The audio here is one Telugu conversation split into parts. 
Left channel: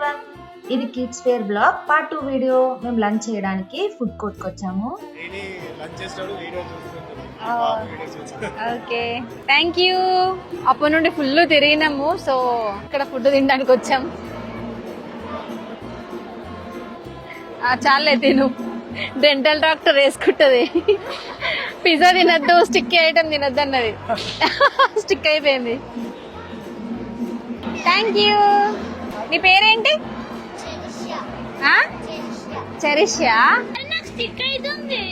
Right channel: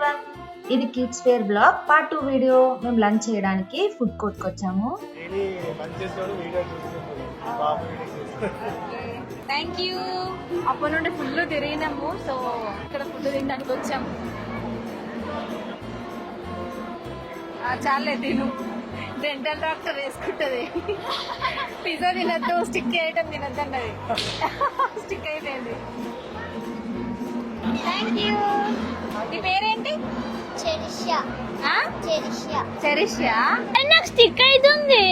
ఎవ్రీవన్, ఇది kids fair blog part 2 video. మేము లంచ్ చేయడానికి ఫుడ్ కోర్ట్కి వచ్చాము. Okay, thank you. అప్పటి నుండి ఫుల్ తిరిగినాము, సో ఇక్కడ ఫుడ్ తినడానికి వచ్చాము. చాలే తిను, డెంటల్ డాక్టర్ వేసుకుంటుంది. పిజ్జా తినద్దు, స్టిక్ ఐటమ్ తినద్దు అన్నది. స్టిక్ అయిపోయింది. Thank you. నీ పేరేంటి? చెరిషా. నాకు స్టిక్ అవుతుంది.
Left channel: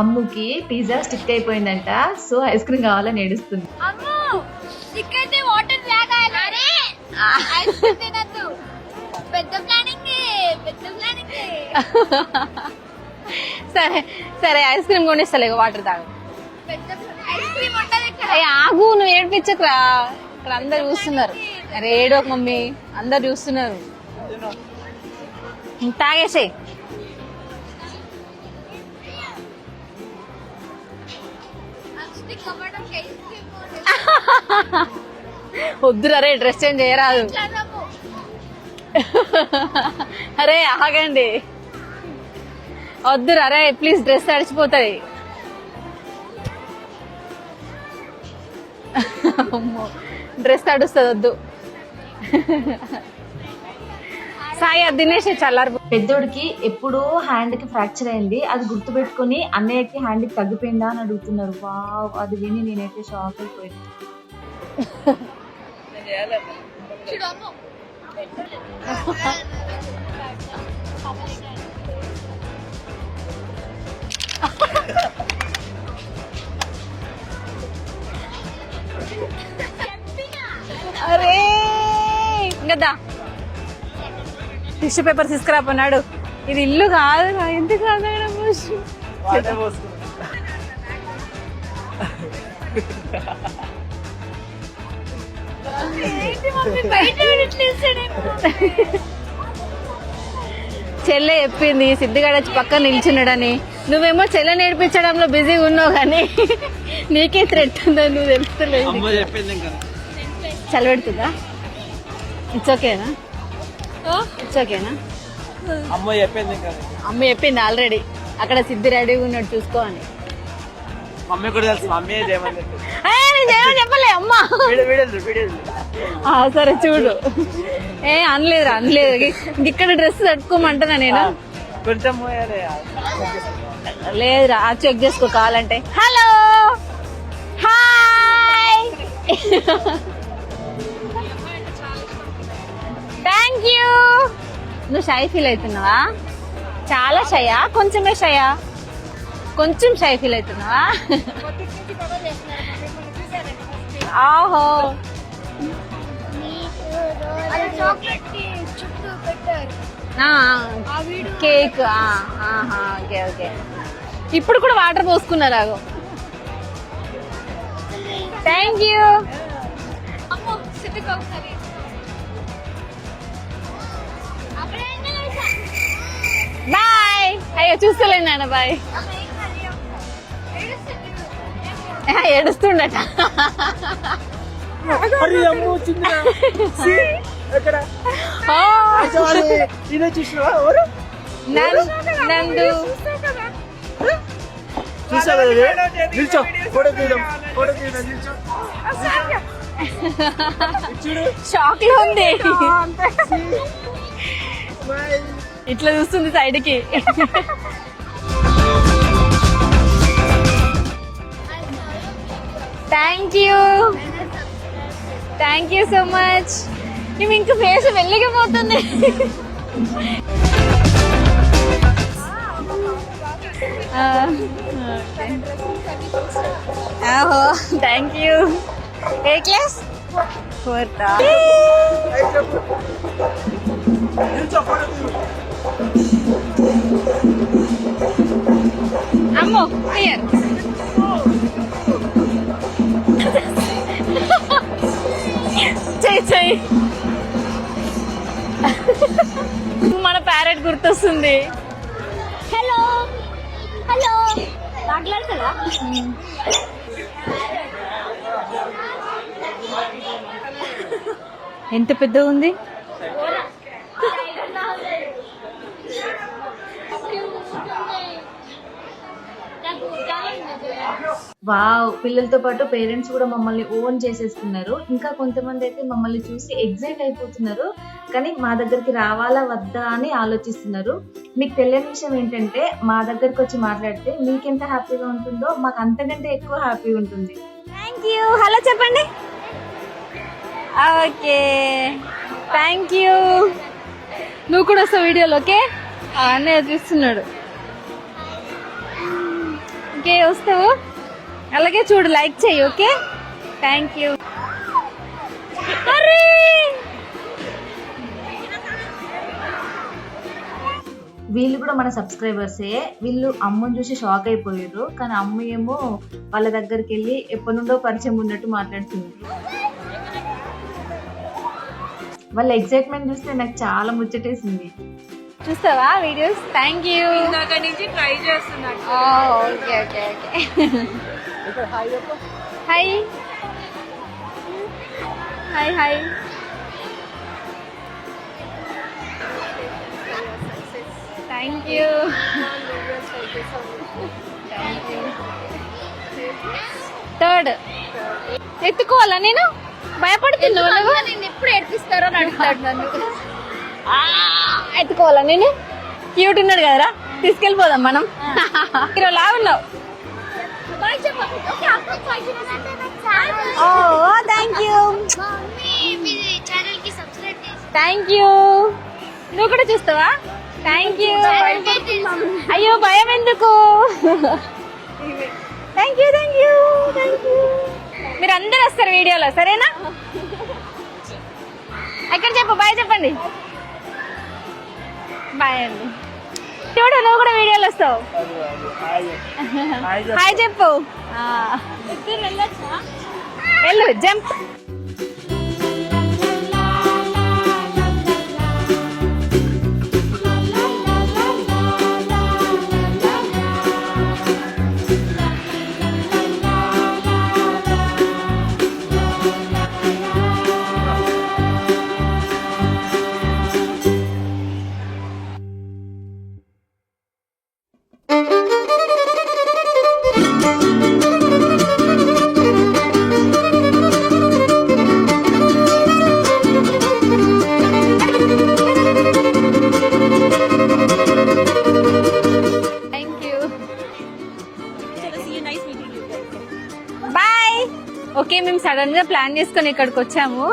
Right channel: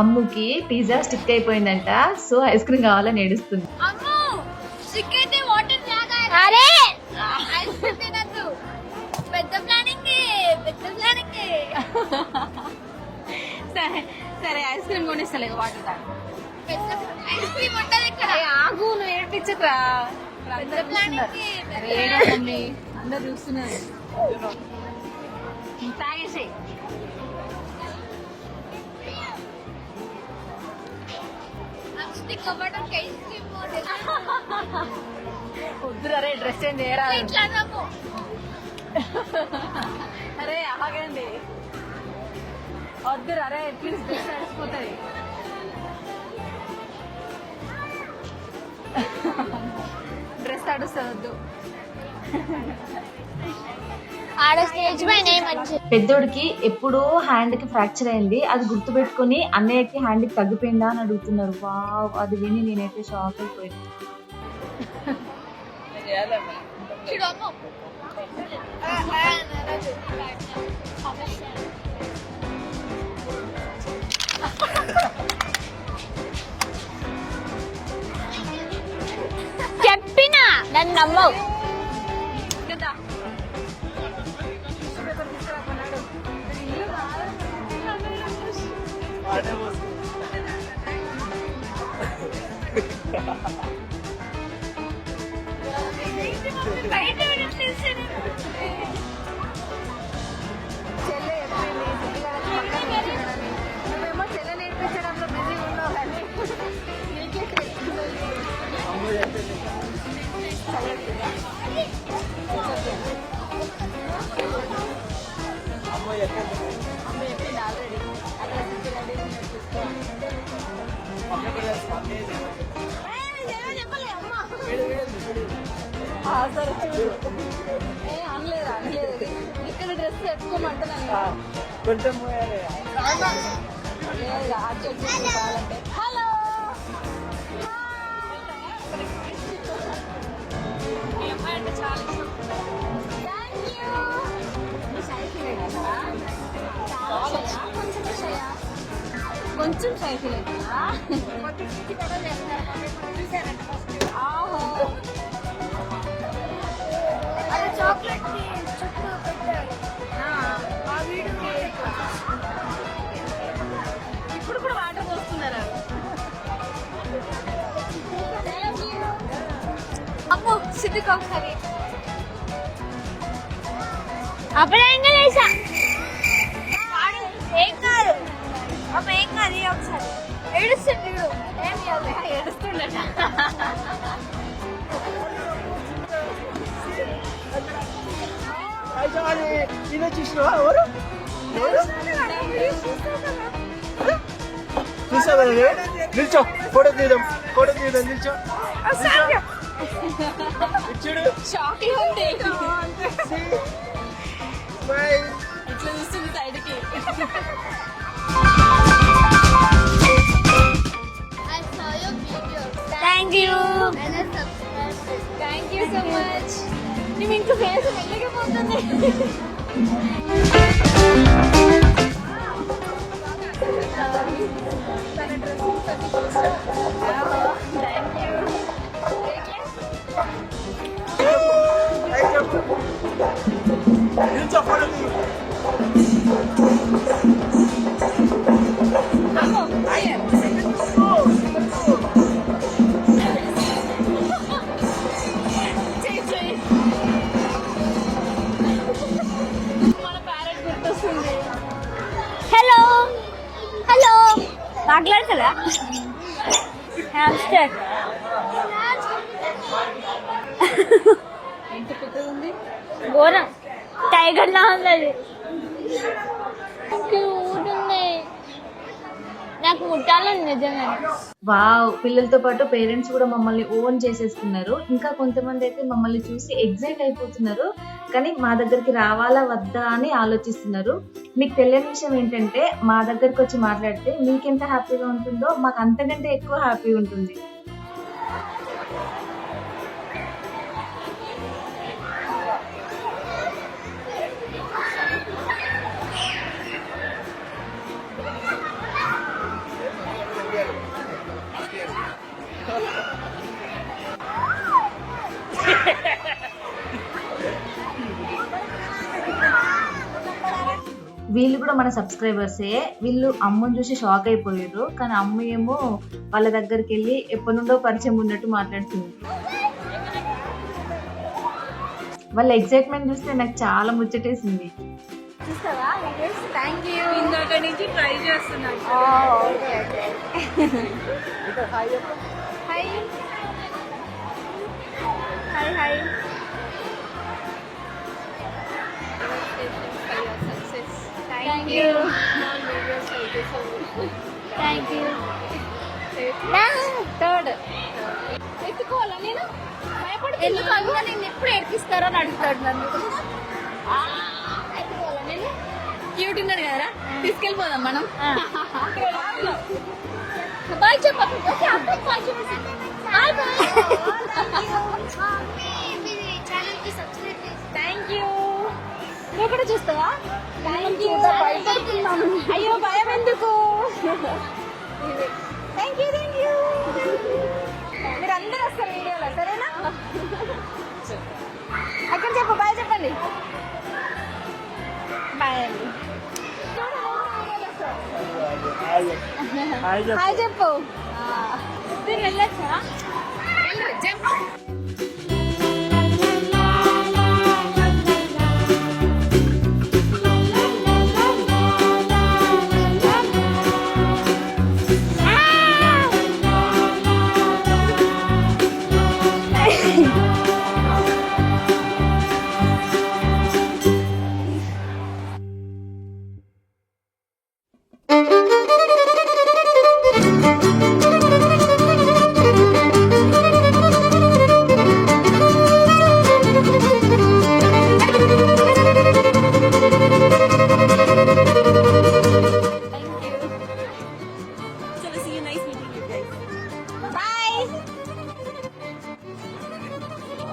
అమ్ముకి పిజ్జా స్టిక్ అయిపోయిందంట, సో ఐస్ క్రీమ్ కావాలని ఏడుస్తుంది. సరే సరే, ఐస్ క్రీమ్ కొనిస్తలే, వాటర్ తాగు. ఆగు, నువ్వు ఏడిపించకురా. ఇక్కడ అందరు చూస్తున్నారు. రేడో మమ్మీ, అందరు చూస్తున్నారు. తాగేసే. వద్దురా రే, డ్రెస్ చేంజ్ చేయరాదు. అరే ఆగండి, వద్దురా రే ప్లీజ్, డ్రెస్ తడిచిపోతుంది. డ్రెస్ తడుస్తుంది, వద్దు. పెద్దోడికి ఎప్పుడో హ్యాండ్ కి ఫ్రాక్చర్ అయింది, అది గుర్తు పెట్టుకుని అన్నయ్యకి హ్యాండ్ కి తగ్గిపోయిందా అని అడుగుతున్నారు. వావ్, అది విని నేనైతే షాక్ అయిపోయాను. చెప్పినా కదా, టిష్యూ పేపర్ తీసుకురాపోన్నాడు. ఇది ఇల్లు కాదు, ఎందుకు కాదు. చెల్లె చెప్పింది సిద్ధిగాడు వచ్చి పక్కన నిల్చున్నాడని. నువ్వేమో చెల్లె నేర్పించడంలో బిజీగా ఉన్నావు, కానీ నీకే థ్రెట్ ఉందని నువ్వు తెలుస్తలేదు. చల్లబెడుతుందా? ఇట్స్ ఓకేనా? ఇట్స్ ఓకేనా? అమ్మ చెప్పింది ఆల్రెడీ, అక్కడ సిద్ధి రెడీగా ఉన్నాడు చూసుకోవాలి. చెప్పలే అమ్మా. సరే చూడు. అనలేదురా, అనలేదు. ఇక్కడ డ్రెస్ తట్టుకోమంటున్నా నేను. లేదురా, చెక్ చేసుకో కావాలంటే. Hello, hi. Thank you. నువ్వు షై ఫీల్ అవుతున్నావా? చాలా షయా? కొంచెమే షయా? కొంచెం షై ఫీల్ అవుతున్నావా? ఆహో, కేక్. Okay okay. ఇప్పుడు కూడా వాటర్ పోసుకున్నారా? Thank you. బాయ్. అయ్యో చూస్తలేను నాన్న, బాయ్. ఏడుస్తుండట. నిల్చో, ఫోటో తీద్దాం. ఫోటో తీద్దాం, నిల్చో. షాక్ లో ఉంది, ఇట్లా చూస్తుంది సైడ్ కి. Thank you, thank you so much. నువ్వు ఇంక ఫేస్ వెళ్ళకపోతుంది. Thank you. ఏ క్లాస్? 4th. అమ్మో, చెయ్యి. మన ప్యారెట్ గుర్తొస్తుంది. హలో, మాట్లాడతారా? ఎంత పెద్దగా ఉంది, ఘోరం టైగర్ లా ఉన్నది. నాకు ముట్టాలని నిజంగా. వావ్, పిల్లలతో పాటు పేరెంట్స్ కూడా మమ్మల్ని ఓన్ చేసేస్తున్నారు. ఇంకా కొంతమంది అయితే మమ్మల్ని చూసి ఎగ్జైట్ అయిపోతున్నారు, కానీ మా దగ్గరికి రావాలా వద్దా అని ఆలోచిస్తున్నారు. మీకు తెలియని విషయం ఏంటంటే మా దగ్గరికి వచ్చి మాట్లాడితే మీకెంత హ్యాపీగా ఉంటుందో మాకు అంతకంటే ఎక్కువ హ్యాపీ ఉంటుంది. Thank you. హలో చెప్పండి. Okay, thank you. నువ్వు కూడా వస్తావు వీడియోలో? ఓకే, అన్నీ చూస్తున్నాడు. ఓకే, వస్తావు? అలాగే చూడు, లైక్ చెయ్యి. Okay, thank you. వీళ్ళు కూడా మన సబ్స్క్రైబర్సే. వీళ్ళు అమ్మని చూసి షాక్ అయిపోయారు, కానీ అమ్మ ఏమో వాళ్ళ దగ్గరికి వెళ్ళి ఎప్పటి నుండో పరిచయం ఉన్నట్టు మాట్లాడుతుంది. వాళ్ళ ఎక్సైట్మెంట్ చూస్తే నాకు చాలా ముచ్చటేసింది. చూస్తావా వీడియోస్? Thank you. ఇందాక నుంచి ట్రై చేస్తున్నాను. Okay okay. Hi hi hi. Thank you. Third ఎత్తుకోవాలా నేను? భయపడుతున్నాను. నేను ఎప్పుడు ఏడిపిస్తారో అని అడుగుతాడు నన్ను. ఎత్తుకోవాలా నేను? క్యూట్ ఉన్నాడు కదరా, తీసుకెళ్ళిపోదాం మనం. మీరు లా ఉన్నావు. బాయ్ చెప్పండి. థ్యాంక్ యూ ఛానల్ కి సబ్స్క్రైబ్ చేసి థ్యాంక్ యూ. నువ్వు కూడా చూస్తావా? Thank you. అయ్యో భయం ఎందుకు? Thank you thank you thank you. మీరు అందరు వస్తారు వీడియోలో, సరేనా? ఎక్కడ చెప్పు, బాయ్ చెప్పండి. బాయ్ అండి. చూడు, నువ్వు కూడా వీడియోలో వస్తావు. హాయ్ చెప్పు. వెళ్ళు, జంప్. ఓకే, మేము సడన్ గా ప్లాన్ చేసుకొని ఇక్కడికి వచ్చాము.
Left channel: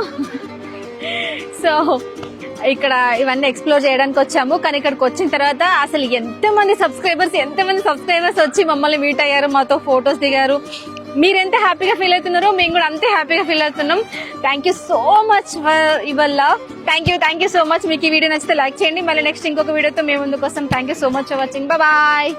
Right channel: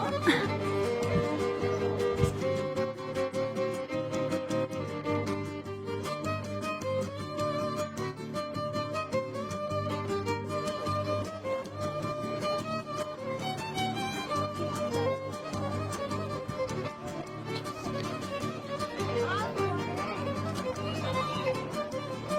సో ఇక్కడ ఇవన్నీ ఎక్స్ప్లోర్ చేయడానికి వచ్చాము. కానీ ఇక్కడికి వచ్చిన తర్వాత అసలు ఎంతమంది సబ్స్క్రైబర్స్ వచ్చి మమ్మల్ని మీట్ అయ్యారు, మాతో ఫొటోస్ దిగారు. మీరు ఎంత హ్యాపీగా ఫీల్ అవుతున్నారో మేము కూడా అంతే హ్యాపీగా ఫీల్ అవుతున్నాం. Thank you so much for your love. Thank you so much. మీకు ఈ వీడియో నచ్చితే లైక్ చేయండి. మళ్ళీ నెక్స్ట్ ఇంకొక వీడియోతో మేము ముందుకు వస్తాం. Thank you so much for watching. Bye.